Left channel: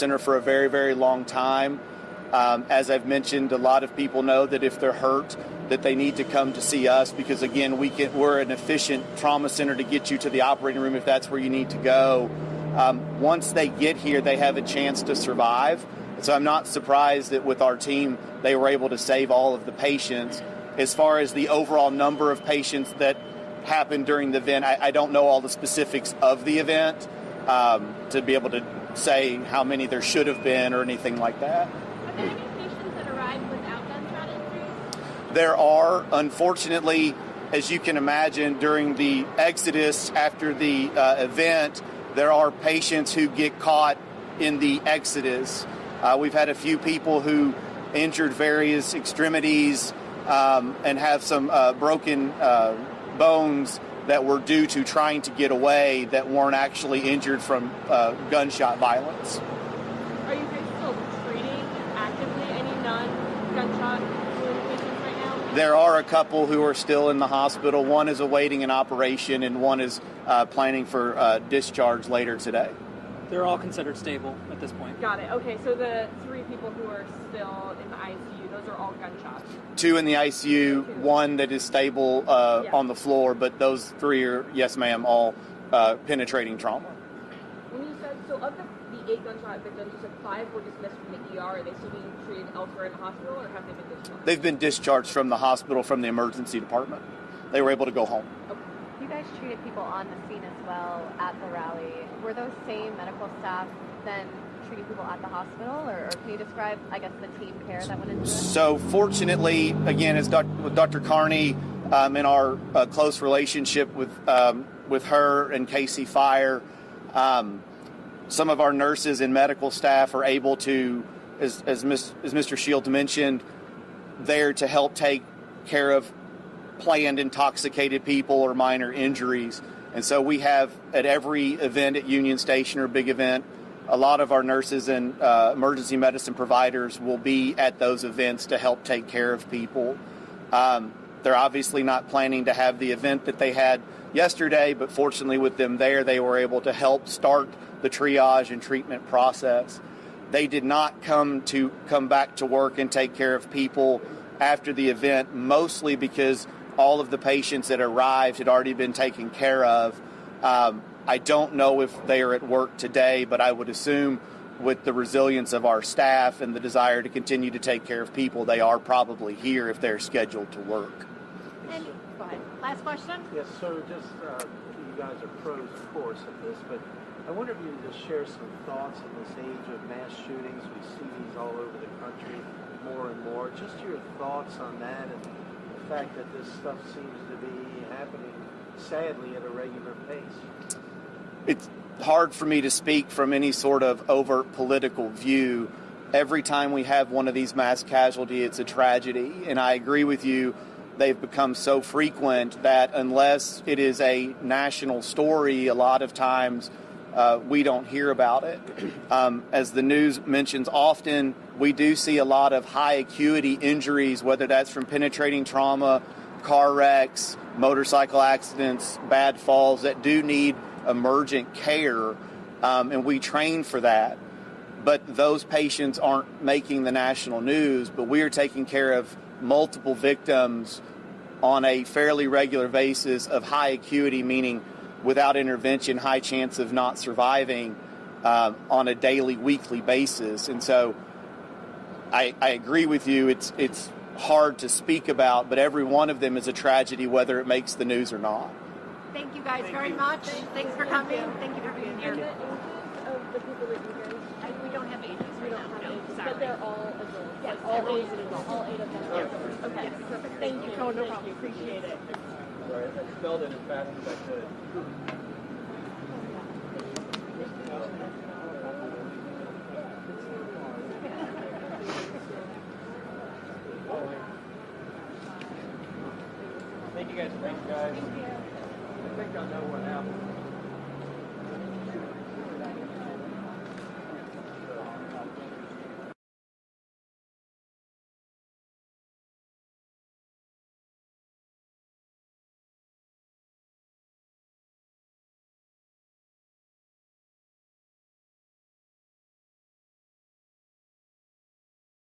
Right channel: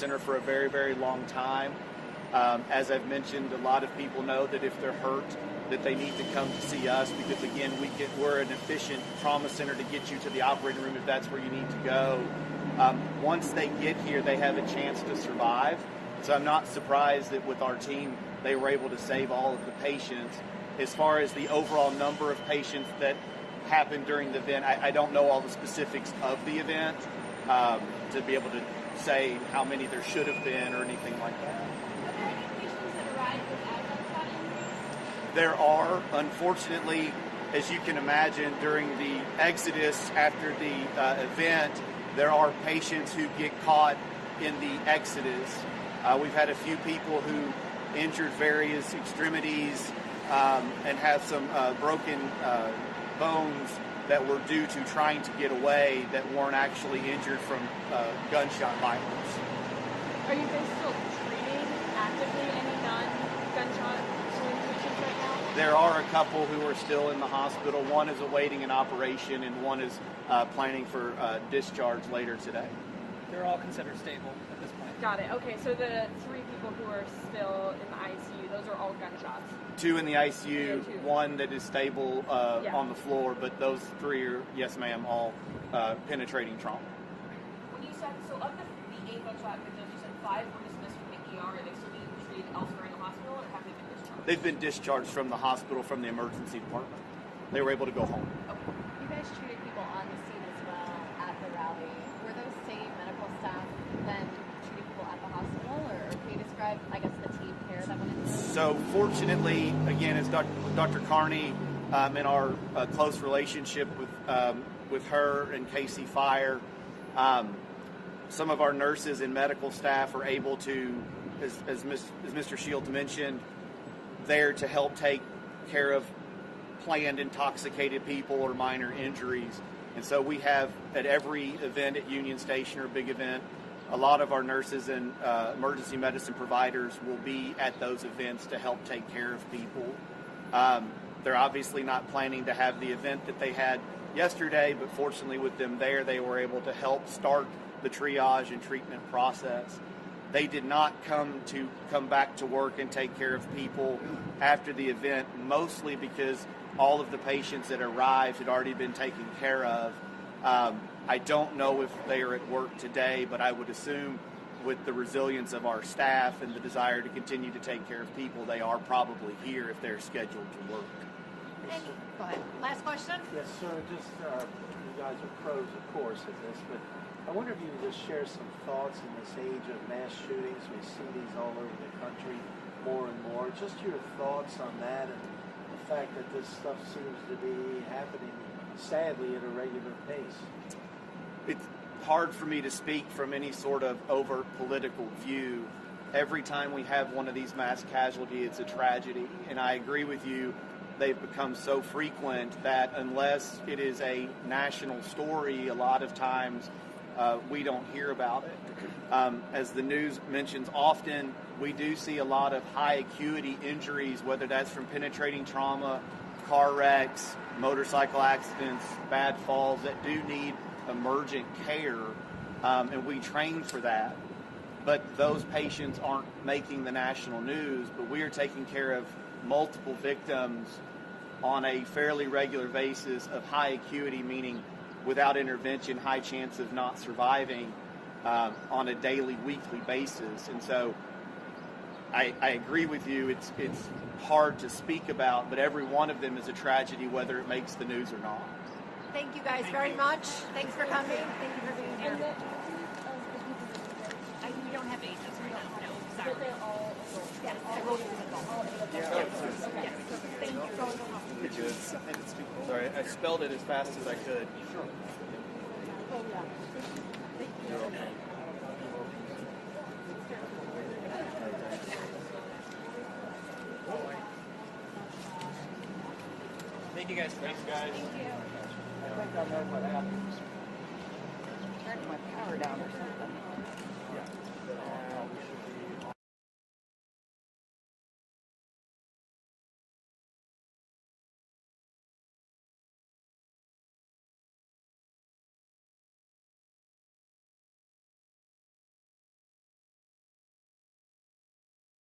center for a very, very long time. As I've mentioned, a lot of people know that if they're hurt, that they need to come to see us because, again, we're an efficient trauma center to get you to the operating room if that's where you need to go. Once they get here, they have a chance to survive. So I'm not surprised that with our team, they were able to save all of the patients. As far as the overall number of patients that happened during the event, I don't know all the specifics of the event to be able to say how many there should have been or anything like that. Are there any patients that arrived without gunshot injuries? There are, unfortunately, as you can imagine, during the exodus after the event, there are patients who get caught in the exodus. We've had a few people who injured various extremities and have some broken bones that were due to trying to get away that weren't actually injured from gunshot violence. Are you guys still treating actively any non-gunshot patients right now? There are a couple who are still in the hospital. One is awaiting an operation and one is planning for discharge later today. They're all considered stable at this point. Got it. Okay, so the 3 people who are still in the ICU, those are all gunshots. 2 in the ICU, 1 that is stable on the floor, but those 3 are, yes ma'am, all penetrating trauma. When you said, so of the 8 gunshot victims, you said 5 were dismissed from the ER. Are they still being treated elsewhere in the hospital, or have they been discharged? They've been discharged from the hospital, from the emergency department. They were able to go home. Okay. You guys treated people on the scene as well at the rally. Were those same medical staff then treating people at the hospital, or can you describe, I guess, the team care that went into it? So fortunately, again, as with Dr. Carney, in our close relationship with her and Casey Fire, some of our nurses and medical staff are able to, as Mr. Shields mentioned, there to help take care of planned intoxicated people or minor injuries. And so we have at every event at Union Station or big event, a lot of our nurses and emergency medicine providers will be at those events to help take care of people. They're obviously not planning to have the event that they had yesterday, but fortunately with them there, they were able to help start the triage and treatment process. They did not come back to work and take care of people after the event, mostly because all of the patients that arrived had already been taken care of. I don't know if they are at work today, but I would assume with the resilience of our staff and the desire to continue to take care of people, they are probably here if they're scheduled to work. Go ahead. Last question? Yes, sir. Just, you guys are pros, of course, at this, but I wonder if you could just share some thoughts in this age of mass shootings. We see these all over the country more and more. Just your thoughts on that and the fact that this stuff seems to be happening, sadly, at a regular pace. It's hard for me to speak from any sort of overt political view. Every time we have one of these mass casualties, it's a tragedy. And I agree with you, they've become so frequent that unless it is a national story, a lot of times we don't hear about it. As the news mentions often, we do see a lot of high acuity injuries, whether that's from penetrating trauma, car wrecks, motorcycle accidents, bad falls that do need emergent care, and we train for that. But those patients aren't making the national news, but we are taking care of multiple victims on a fairly regular basis of high acuity, meaning without intervention, high chance of not surviving on a daily, weekly basis. And so I agree with you, it's hard to speak about, but every one of them is a tragedy, whether it makes the news or not. Thank you guys very much. Thanks for coming. Thank you for being here. We don't have ages right now. No, sorry. They're all Yes, everybody's an adult. Yes. Okay. Thank you. No problem. Sorry, I spelled it as fast as I could. Thank you guys. Thanks, guys. Thank you.